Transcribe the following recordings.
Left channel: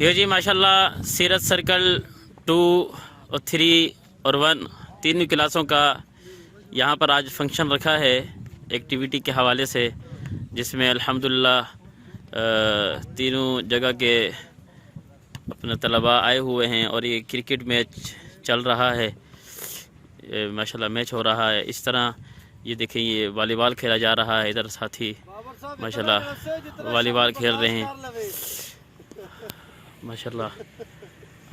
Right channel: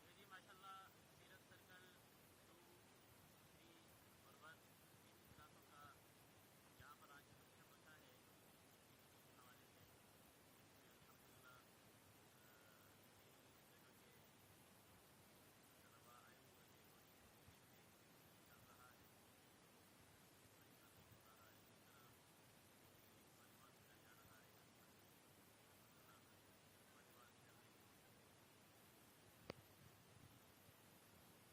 یہ جی ماشاءاللہ سیرت سرکل 2 اور 3 اور 1 تینوں کلاسوں کا یہاں پر آج فنکشن رکھا ہے ایکٹیویٹی کے حوالے سے، جس میں الحمدللہ تینوں جگہ کے اپنے طلباء آئے ہوئے ہیں اور یہ کرکٹ میچ چل رہا ہے، ماشاءاللہ میچ ہو رہا ہے۔ اس طرح یہ دیکھیں یہ والی بال کھیلا جا رہا ہے، ادھر ساتھی ماشاءاللہ والی بال کھیل رہے ہیں ماشاءاللہ،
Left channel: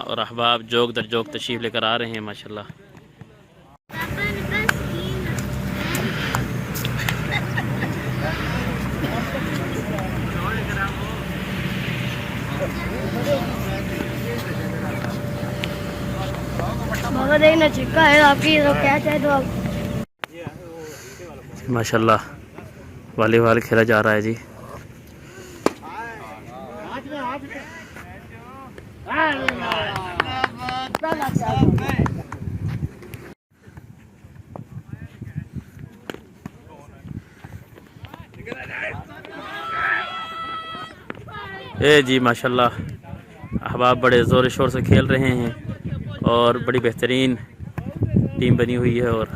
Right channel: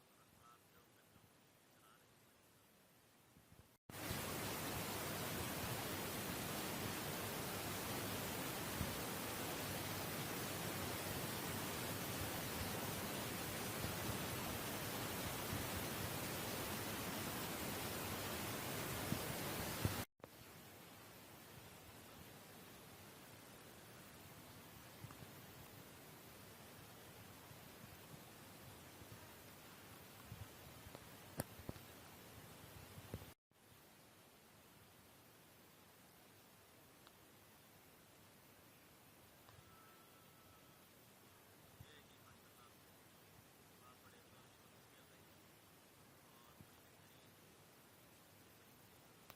اور احباب جوک در جوک تشریف لے کر آ رہے ہیں ماشاءاللہ۔ بابا دیکھنا چکا ہے آپ کی، تو کیا چاہے تو آپ ماشاءاللہ والی بال کھیلا جا رہا ہے جی۔ اے جی ماشاءاللہ احباب بڑے زور و شور سے کھیل رہے ہیں اور بڑی بہترین ٹیم بنی ہوئی ہے۔ اور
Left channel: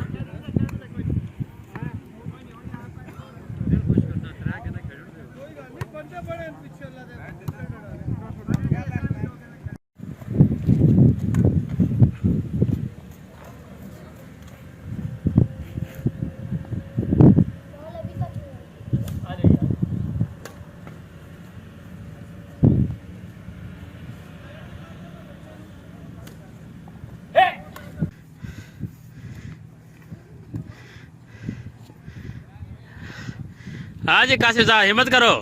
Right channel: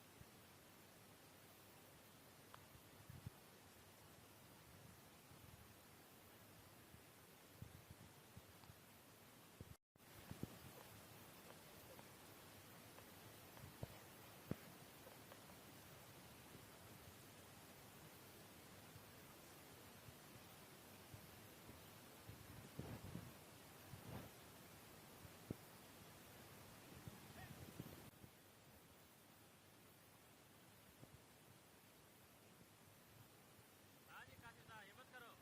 ہاں جی قاسم صاحب ہمت کرو۔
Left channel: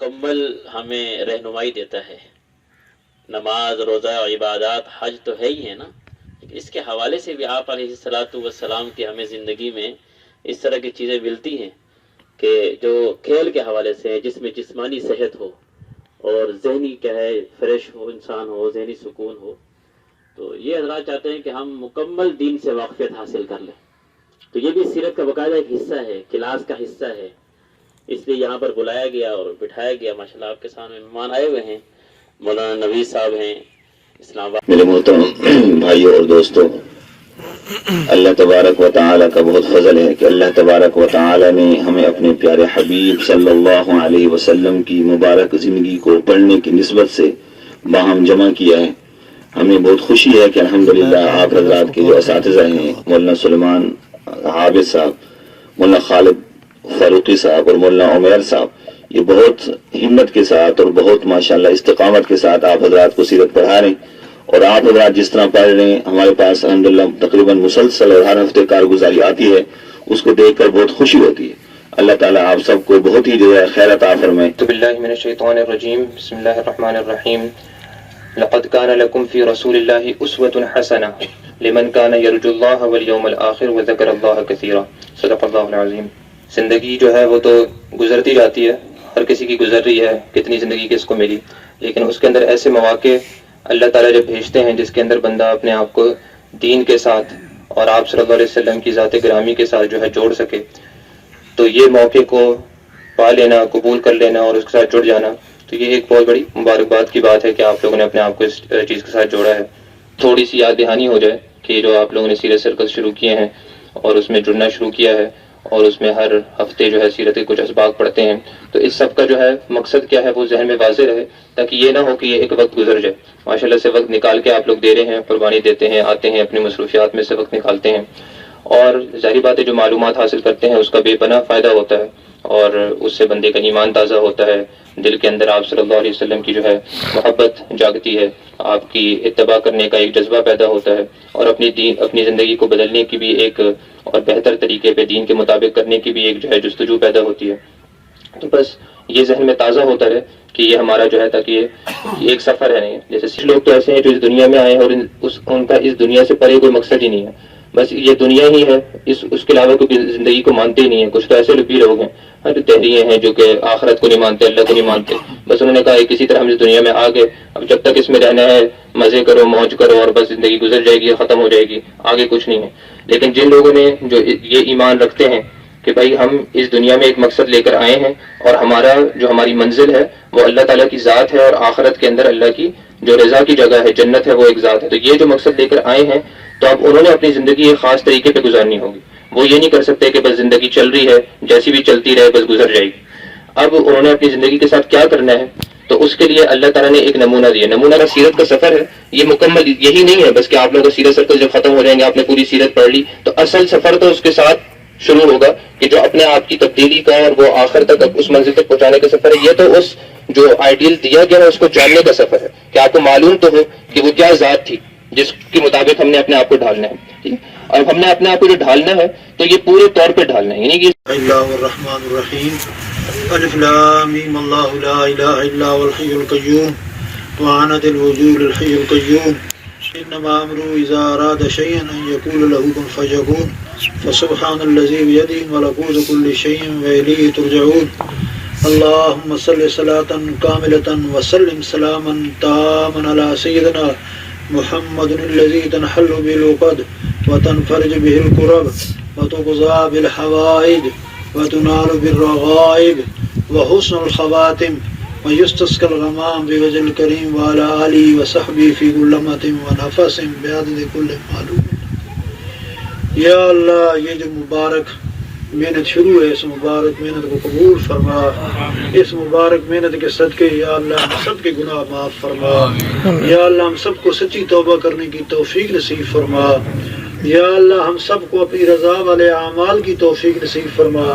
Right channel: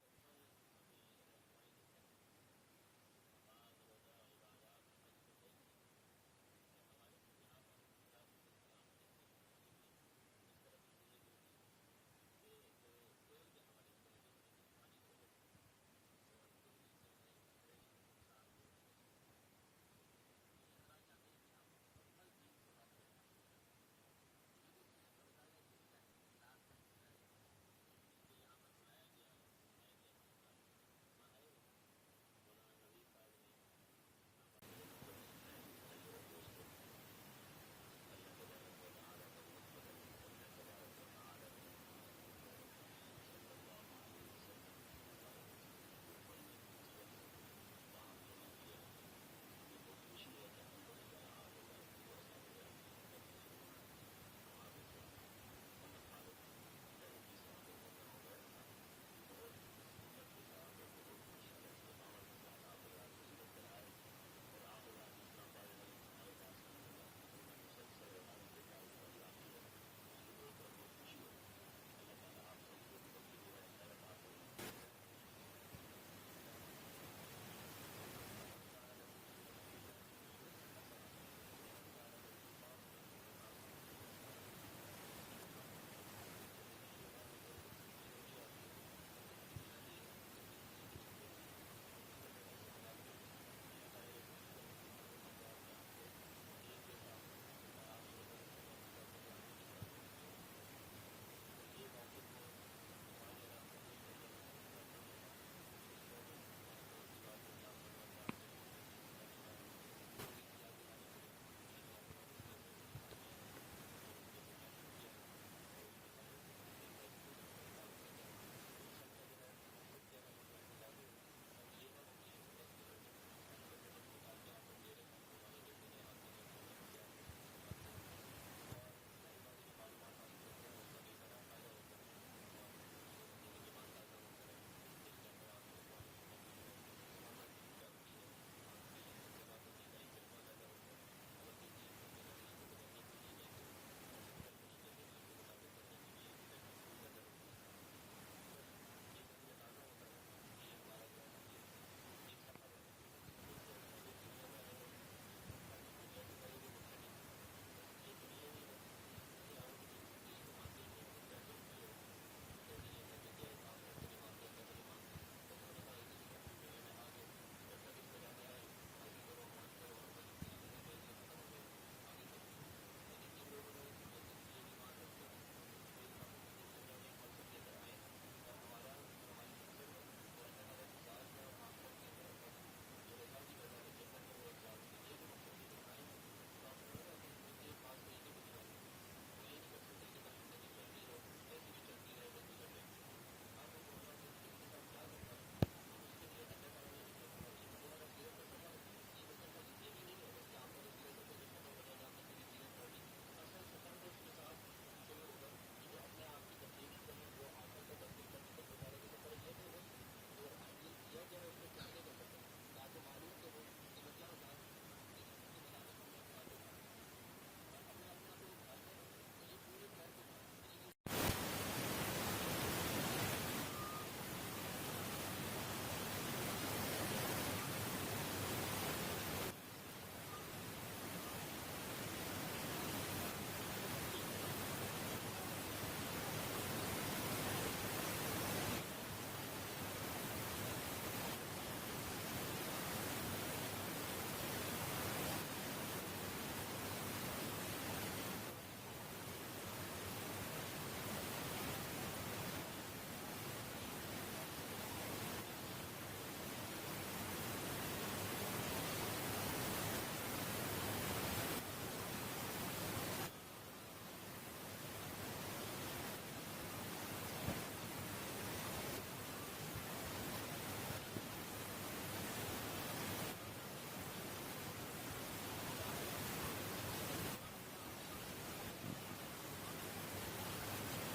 مکمل ہمیں رہنمائی دیتا ہے۔ نماز، روزہ، عبادات، حج تو ہے ہی ہے نا، اس کے حوالے سے بھی آپ علیہ الصلاۃ والسلام کی ہمیں زندگی میں اس طرح کی چیزیں ملتی ہیں کہ جو کھیل کے حوالے سے جس میں جسمانی صحت ہو اور ذہنی کیا ہے فریش ہو، انسان ہو، ذہنی سکون ہو۔ تو یہ حضرات چاہتے ہیں کہ ہم مکمل دین سے واقفیت حاصل کر لیں، تو یہ بھی سیرت کا باقاعدہ ایک حصہ ہے، کلاس کا حصہ ہے، اس لیے یہاں پر بلایا گیا اور بٹھایا گیا۔ ماشاءاللہ آپ کے سامنے مہمان آئے ہوئے ہیں، مولانا نوید صاحب ہیں اسلام آباد۔ میرے محترم بھائیوں اور دوستوں، اللہ تبارک و تعالیٰ کا بہت فضل ہے کہ اللہ تبارک و تعالیٰ نے ہمیں اپنے پیارے حبیب صلی اللہ علیہ وسلم کی مبارک زندگی کو پڑھنے کی نسبت سے باہم جمع کیا ہے۔ ہمیں بہت خوشی ہے کہ الحمدللہ آپ حضرات کے جو اساتذہ ہیں، مولانا سلیمان عابد صاحب، مولانا خالد فاروقی صاحب اور مولانا عمیر صاحب، یہ بہت ہمت کے ساتھ اور بہت ماشاءاللہ استقامت کے ساتھ آپ حضرات کو سیرت پڑھا رہے ہیں، اور آپ حضرات جس طرح پڑھ رہے ہیں ہمارے پاس الحمدللہ تقریباً مسلسل اور ہر ہفتے کارگزاری آتی ہے، اس کو دیکھ کر بہت خوشی ہوتی ہے۔ اللہ تعالیٰ آپ سب کو بہت ہی جو ہے خیر عطا فرمائے۔ اعوذ باللہ من الشیطان الرجیم، بسم اللہ الرحمن الرحیم۔ لقد كان لكم في رسول الله أسوة حسنة لمن كان يرجو الله واليوم الآخر وذكر الله كثيرا، صدق اللہ العظیم۔ زندگی جو ہے وہ تو گزرتی جاتی ہے، ہر کسی کی گزر رہی ہے، کتنی زندگی کس کو ملی، لیکن اس کے اندر ایسے مواقع اللہ تعالیٰ جب بھیجتے ہیں جس کے اندر بندہ اپنے آپ کو دین کے ساتھ اور آپ صلی اللہ علیہ وسلم کی ذات گرامی کے ساتھ جو ہے جوڑ سکے، تو یہ موقع کو پا لینا، قبول کر لینا اور اس کے ساتھ جڑ جانا، تو یہ ایک بہت بڑی مبارکباد کی بات ہے کہ آپ لوگوں نے اپنے آپ کو اس چیز کے ساتھ جوڑا ہے۔ تھوڑی سی یاد دہانی ہو جائے کہ جو آپ لوگوں نے سیرت سرکل شروع کیے ہیں اور اس میں جڑنا شروع کیا ہے اور اس میں ہر ہفتے جو ہے سیرت کے کچھ اسباق پڑھتے ہیں، تو اس سب کا جو ہے مقصد کیا ہے وہ ذہن میں واضح رہے، تاکہ یہ نہ ہو کہ یہ ایک وقت گزر جائے۔ ماشاءاللہ سے وقت نکال کے آپ لوگ دے رہے ہیں، قربانی دیتے ہیں، آتے ہیں، اپنی مصروفیات میں سے وقت نکالتے ہیں، اور ظاہری بات ہے جو معلومات حاصل کرتے ہیں اس کا بے پناہ فائدہ ہوتا ہے، اور اس سے بندے کا ایمان تازہ ہوتا ہے، دل کے اندر آپ صلی اللہ علیہ وسلم کی جو ہے محبت جاگتی ہے، آپ کی اتباع کرنے کا ایک جذبہ پیدا ہوتا ہے، اور اپنی زندگی کو بدلنے کی بھی ایک اور بہتر طریقے پہ دین کے مطابق کرنے کی بھی ایک جو ہے جستجو پیدا ہوتی ہے۔ تو بس یہ ذہن میں تازہ ہوتا رہے کہ یہ ہمارا جو ہے تاکہ یہ ایک سفر ہے نہیں. جیسے لوگ تو ایسے ہیں جو اس دنیا میں آئے ہیں اور ان کا اس دنیا سے پرے کوئی مقصد ہی نہیں ہے, بس یہ دنیا ہی ہے, اس کے علاوہ کوئی زندگی کو مانتے ہی نہیں ہیں. کچھ تو ایسے بھی لوگ ہیں جو تحریے ہیں جو کہ آخرت کو نہیں مانتے, اللہ کو نہیں مانتے, بس انہوں نے کہا کسی طرح ہم اس دنیا میں آ گئے, اب جب تک اس میں رہنا ہے مزے کرو موج کرو اور بس زندگی گزر جائے گی, ختم ہو جائے گی, آگے کچھ نہیں ہے. لیکن جن لوگوں نے جو یہ ایمان رکھتے ہیں کہ بھائی ہم اس دنیا میں ایک مقصد لے کر آئے ہیں اور ہماری منزل ہے وہ اللہ تعالیٰ کی ذات ہے, اور آخرت کے اندر اللہ کی جو رضا کی جگہ ہے, جنت ہے, وہ ایک ذات ہے. تو یہ جو مقصد لے کر آئے ہیں تو اب انہوں نے اپنی زندگی ایک خاص طریقے پہ گزارنی ہوگی. وہ یہ نہیں کر سکتے کہ بس زندگی چل رہی ہے جیسی بھی چلتی رہے بس گزر جائے گی. اب انہوں نے اپنی زندگی کے ساتھ کیا کرنا ہے, تو اس کے لیے اللہ تعالیٰ نے ایک نمونہ دیا. نمونہ کا سیرت کا سفر ہے. یہ مکمل یہی نہیں ہے بس کہ آپ لوگوں کا سیرت سرکل جب ختم ہو جائیں گے آپ نے پوری سیرت پڑھ لی, تو اصل سفر تو اس کے ساتھ شروع ہوگا کہ جو اپنے آپ کی تبدیلی کا اور وہ آخر تک اس منزل تک پہنچانے کا سفر ہے. یہ تو اس جو آئیڈیل دیا گیا ہے اس کو جاننے کا سفر ہے کہ آپ کو معلوم تو ہو کہ وہ کیا ذات تھی جس کے مطابق ہم نے اپنے آپ کو ڈھالنا ہے. ٹھیک ہے, اور ہم نے اپنے آپ کو جو ڈھالنا ہے تو یہ پورے طور پہ ڈھالنا ہے, یعنی کہ اللہ الرحمن الرحیم. الف لام میم اللہ لا الہ الا هو الحی القیوم وعنت الوجود الحی القیوم انما امرؤ اذا اراد شيئا ان يقول له كن فيكون فسبحان الذي بيده ملكوت كل شيء واليه ترجعون. اللهم صل صلاة كاملة وسلم سلاما تاما على سيدنا محمد الذي تنحل به العقد وتنفرج به الكرب وتقضى بالحوائج وتنال بالرغائب وحسن الخواتم ويستسقى الغمام بوجه الكريم وعلى آله وصحبه في كل لمحة ونفس بعدد كل معلوم. یا اللہ یہ جو مبارک محنت شروع ہے اس مبارک محنت کو قبول فرما. اس مبارک محنت کے صدقے یا اللہ ہم سب کے گناہ معاف فرما. یا اللہ ہم سب کو سچی توبہ کرنے کی توفیق نصیب فرما. یا اللہ ہم سب کو اپنی رضا والے اعمال کی توفیق نصیب فرما.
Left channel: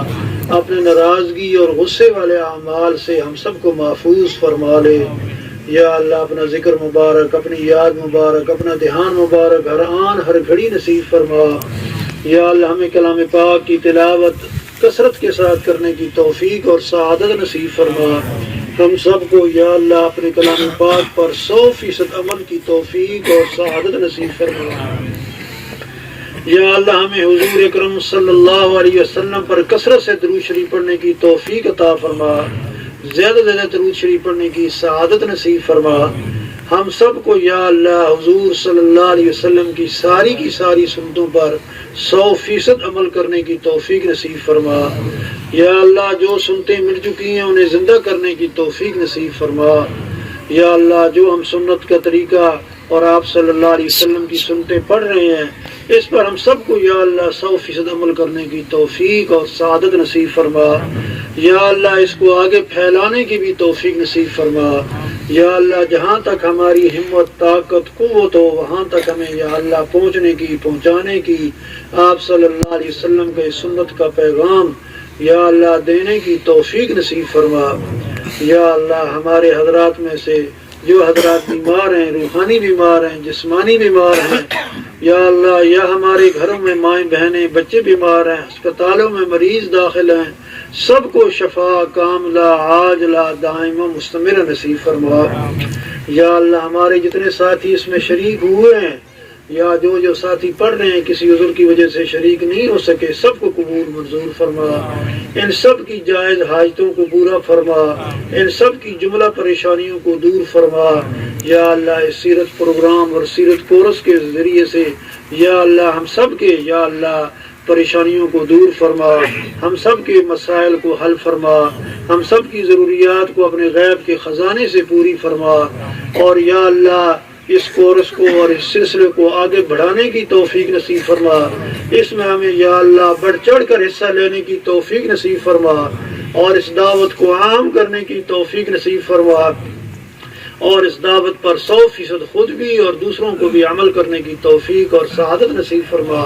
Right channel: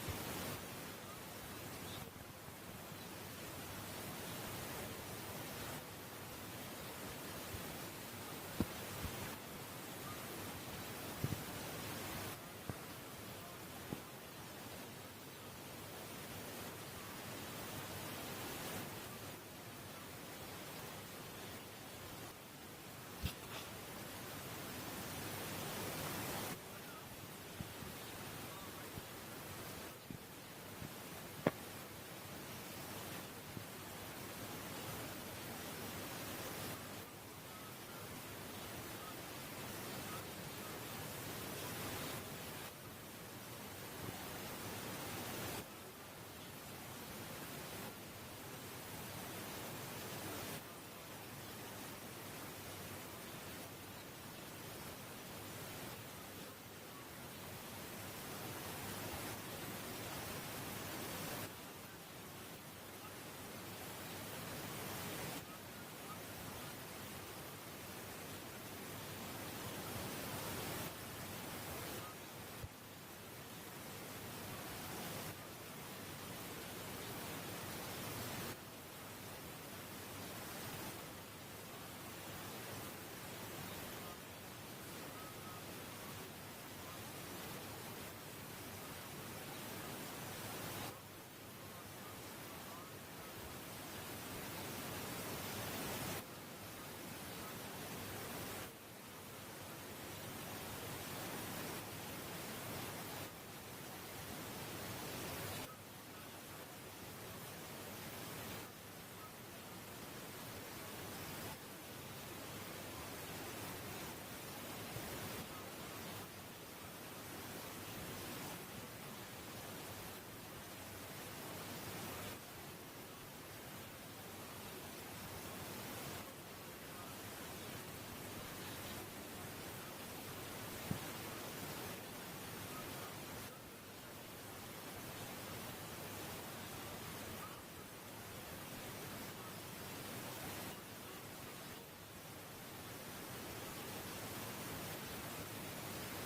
اپنے ناراضگی اور غصے والے اعمال سے ہم سب کو محفوظ فرما لے. یا اللہ اپنا ذکر مبارک, اپنی یاد مبارک, اپنا دھیان مبارک ہر آن ہر گھڑی نصیب فرما. یا اللہ ہمیں کلام پاک کی تلاوت کثرت کے ساتھ کرنے کی توفیق اور سعادت نصیب فرما. ہم سب کو یا اللہ اپنے کلام پاک پر 100% عمل کی توفیق اور سعادت نصیب فرما. یا اللہ ہمیں حضور اکرم صلی اللہ علیہ وسلم پر کثرت سے درود شریف پڑھنے کی توفیق عطا فرما. زیادہ سے زیادہ درود شریف پڑھنے کی سعادت نصیب فرما. ہم سب کو یا اللہ حضور صلی اللہ علیہ وسلم کی ساری سنتوں پر 100% عمل کرنے کی توفیق نصیب فرما. یا اللہ جو سنتیں مل چکی ہیں انہیں زندہ کرنے کی توفیق نصیب فرما. یا اللہ جو ہم سنت کا طریقہ اور آپ صلی اللہ علیہ وسلم کی سنتیں پڑھ رہے ہیں اس پر ہم سب کو یا اللہ 100% عمل کرنے کی توفیق اور سعادت نصیب فرما. یا اللہ اس کو آگے پھیلانے کی بھی توفیق نصیب فرما. یا اللہ جہاں تک ہماری ہمت طاقت قوت ہو وہاں تک ہمیں یا اللہ پہنچانے کی آپ صلی اللہ علیہ وسلم کے سنت کا پیغام یا اللہ دینے کی توفیق نصیب فرما. یا اللہ ہمارے حضرات میں سے جو حضرات بیمار ہیں, روحانی بیمار ہیں, جسمانی بیمار ہیں, یا اللہ یا ہمارے گھروں میں مائیں بہنیں بچے بیمار ہیں, ہسپتالوں میں مریض داخل ہیں, سب کو شفا کاملہ عاجلہ دائمہ مستمر نصیب فرما. یا اللہ ہمارے جتنے ساتھی اس میں شریک ہوئے ہیں یا جو ساتھی پڑھ رہے ہیں کسی عذر کی وجہ سے شریک نہیں ہو سکے سب کو قبول منظور فرما. ان سب کی جائز حاجتوں کو پورا فرما. ان سب کی جملہ پریشانیوں کو دور فرما. یا اللہ اس سیرت پروگرام اور سیرت کورس کے ذریعے سے یا اللہ ہم سب کے یا اللہ پریشانیوں کو دور فرما. ہم سب کے مسائل کو حل فرما. ہم سب کی ضروریات کو اپنے غیب کے خزانے سے پوری فرما. اور یا اللہ اس کورس کو اور اس سلسلے کو آگے بڑھانے کی توفیق نصیب فرما. اس میں ہمیں یا اللہ بڑھ چڑھ کر حصہ لینے کی توفیق نصیب فرما اور اس دعوت کو عام کرنے کی توفیق نصیب فرما اور اس دعوت پر 100% خود بھی اور دوسروں کو بھی عمل کرنے کی توفیق اور سعادت نصیب فرما.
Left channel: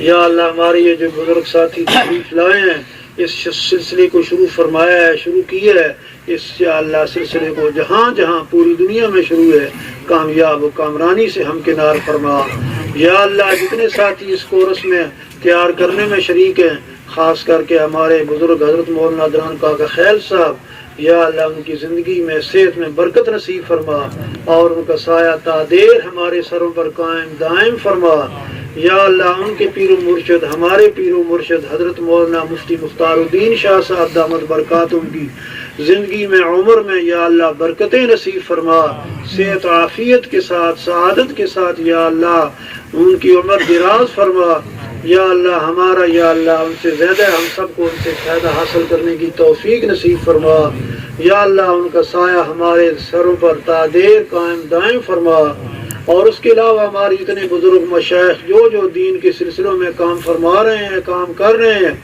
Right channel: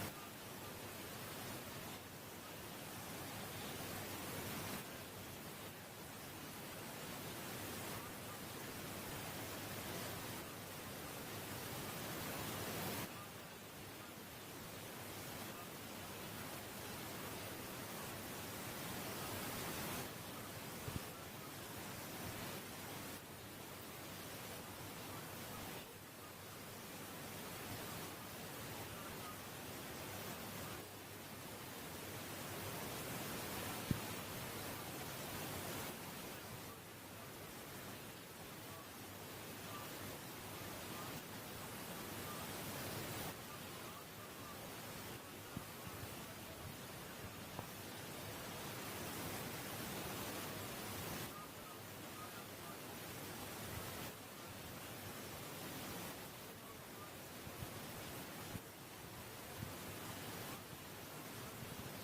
یا اللہ ہمارے یہ جو بزرگ ساتھی تشریف لائے ہیں اس سلسلے کو شروع فرمایا ہے, شروع کیا ہے, اس یا اللہ سلسلے کو جہاں جہاں پوری دنیا میں شروع ہے کامیاب و کامرانی سے ہمکنار فرما. یا اللہ جتنے ساتھی اس کورس میں تیار کرنے میں شریک ہیں خاص کر کے ہمارے بزرگ حضرت مولانا دران کاکا خیل صاحب، یا اللہ ان کی زندگی میں صحت میں برکت نصیب فرما اور ان کا سایہ تا دیر ہمارے سروں پر قائم دائم فرما۔ یا اللہ ان کے پیر و مرشد، ہمارے پیر و مرشد حضرت مولانا مفتی مختار الدین شاہ صاحب دامت برکاتہم کی زندگی میں عمر میں یا اللہ برکتیں نصیب فرما، صحت و عافیت کے ساتھ سعادت کے ساتھ یا اللہ ان کی عمر دراز فرما۔ یا اللہ ہمارا یا اللہ ان سے زیادہ ہم سب کو ان سے فائدہ حاصل کرنے کی توفیق نصیب فرما۔ یا اللہ ان کا سایہ ہمارے سروں پر تا دیر قائم دائم فرما، اور اس کے علاوہ ہمارے جتنے بزرگ مشائخ جو دین کے سلسلوں میں کام فرما رہے ہیں، کام کر رہے ہیں،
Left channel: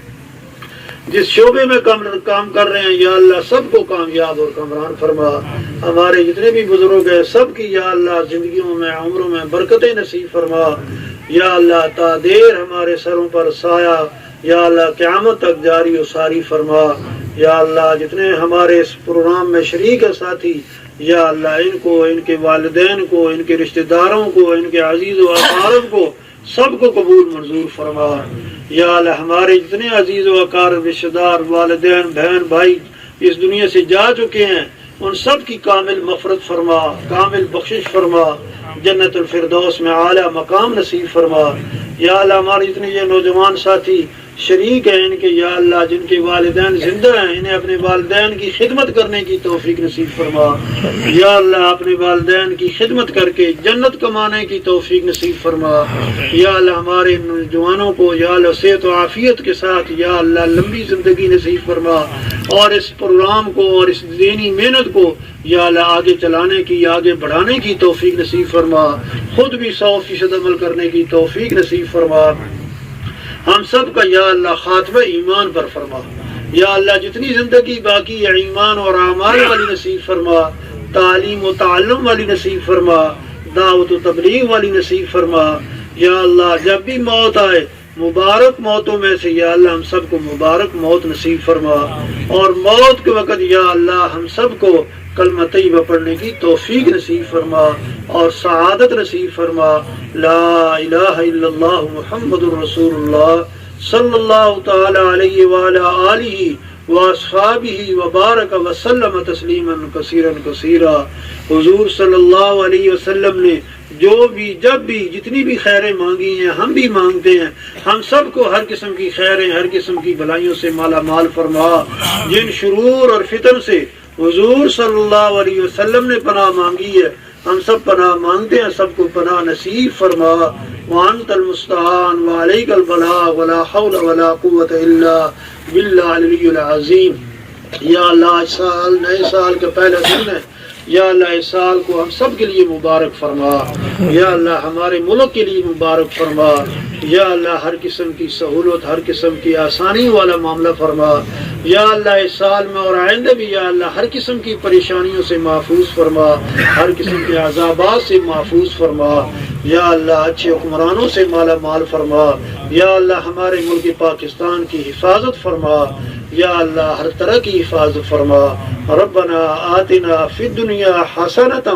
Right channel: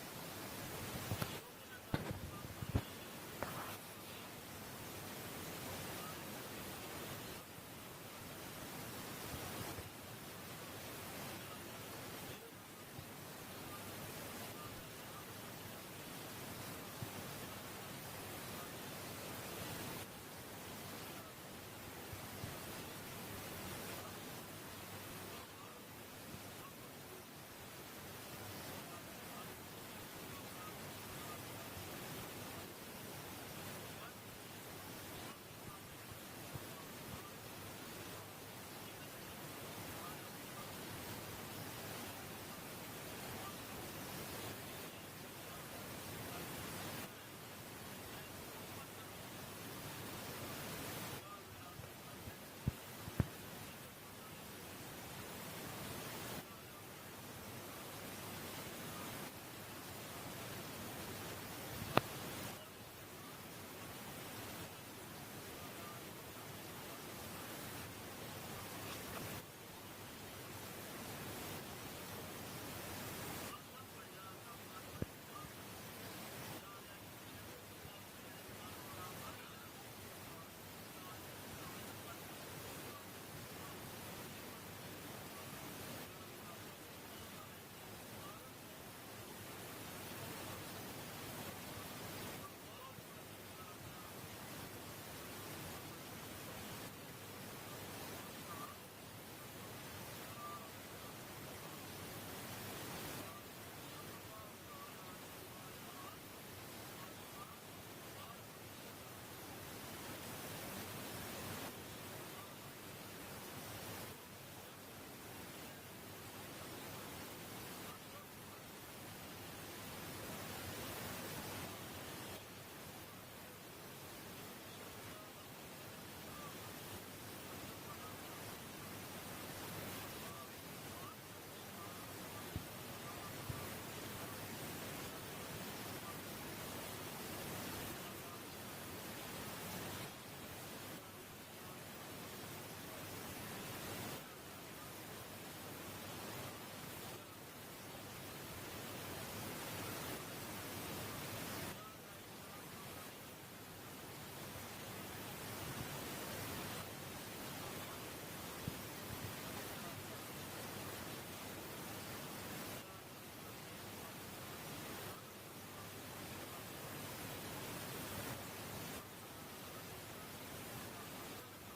جس شعبے میں کام کر رہے ہیں، یا اللہ سب کو کامیاب اور کامران فرما۔ ہمارے جتنے بھی بزرگ ہیں سب کی یا اللہ زندگیوں میں عمروں میں برکتیں نصیب فرما۔ یا اللہ تا دیر ہمارے سروں پر سایہ یا اللہ قیامت تک جاری و ساری فرما۔ یا اللہ جتنے ہمارے اس پروگرام میں شریک ہے ساتھی، یا اللہ ان کو، ان کے والدین کو، ان کے رشتہ داروں کو، ان کے عزیز و اقارب کو سب کو قبول منظور فرما۔ یا اللہ ہمارے جتنے عزیز و اقارب رشتہ دار والدین بہن بھائی اس دنیا سے جا چکے ہیں ان سب کی کامل مغفرت فرما، کامل بخشش فرما، جنت الفردوس میں اعلیٰ مقام نصیب فرما۔ یا اللہ ہمارے جتنے یہ نوجوان ساتھی شریک ہیں ان کے یا اللہ جن کے والدین زندہ ہیں انہیں اپنے والدین کی خدمت کرنے کی توفیق نصیب فرما۔ یا اللہ اپنے والدین کی خدمت کر کے جنت کمانے کی توفیق نصیب فرما۔ یا اللہ ہمارے نوجوانوں کو یا اللہ صحت و عافیت کے ساتھ یا اللہ لمبی زندگی نصیب فرما، اور اس پروگرام کو اور اس دینی محنت کو یا اللہ آگے چلانے کی، آگے بڑھانے کی توفیق نصیب فرما، خود بھی 100% عمل کرنے کی توفیق نصیب فرما۔ ہم سب کا یا اللہ خاتمہ ایمان پر فرما۔ یا اللہ جتنی زندگی باقی ہے ایمان اور اعمال والی نصیب فرما، تعلیم و تعلم والی نصیب فرما، دعوت و تبلیغ والی نصیب فرما۔ یا اللہ جب بھی موت آئے مبارک موتوں میں سے یا اللہ ہم سب کو مبارک موت نصیب فرما، اور موت کے وقت یا اللہ ہم سب کو کلمہ طیبہ پڑھنے کی توفیق نصیب فرما اور سعادت نصیب فرما۔ لا الہ الا اللہ محمد الرسول اللہ صلی اللہ تعالی علیہ وعلی آلہ واصحابہ وبارک وسلم تسلیما کثیرا کثیرا۔ حضور صلی اللہ علیہ وسلم نے جو بھی جب بھی جتنی بھی خیریں مانگی ہیں ہم بھی مانگتے ہیں، ہم سب کو ہر قسم کی خیریں ہر قسم کی بھلائیوں سے مالا مال فرما۔ جن شرور اور فتن سے حضور صلی اللہ علیہ وسلم نے پناہ مانگی ہے ہم سب پناہ مانگتے ہیں، سب کو پناہ نصیب فرما۔ وانت المستعان وعلیک البلاغ ولا حول ولا قوة الا باللہ العلی العظیم۔ یا اللہ اس سال نئے سال کا پہلا دن ہے، یا اللہ اس سال کو ہم سب کے لیے مبارک فرما۔ یا اللہ ہمارے ملک کے لیے مبارک فرما۔ یا اللہ ہر قسم کی سہولت ہر قسم کی آسانی والا معاملہ فرما۔ یا اللہ اس سال میں اور آئندہ بھی یا اللہ ہر قسم کی پریشانیوں سے محفوظ فرما، ہر قسم کے عذابات سے محفوظ فرما۔ یا اللہ اچھے حکمرانوں سے مالا مال فرما۔ یا اللہ ہمارے ملک پاکستان کی حفاظت فرما۔ یا اللہ ہر طرح کی حفاظت فرما۔ ربنا آتنا فی الدنیا حسنۃ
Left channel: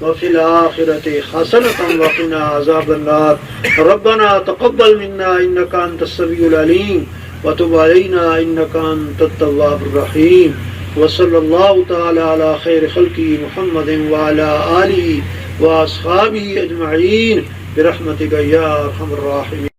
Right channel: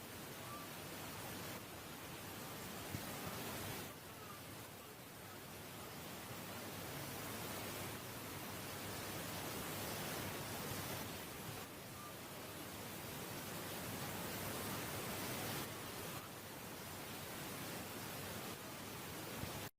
وفی الآخرۃ حسنۃ وقنا عذاب النار۔ ربنا تقبل منا انک انت السمیع العلیم وتب علینا انک انت التواب الرحیم۔ وصلی اللہ تعالی علی خیر خلقہ محمد وعلی آلہ واصحابہ اجمعین برحمتک یا ارحم الراحمین۔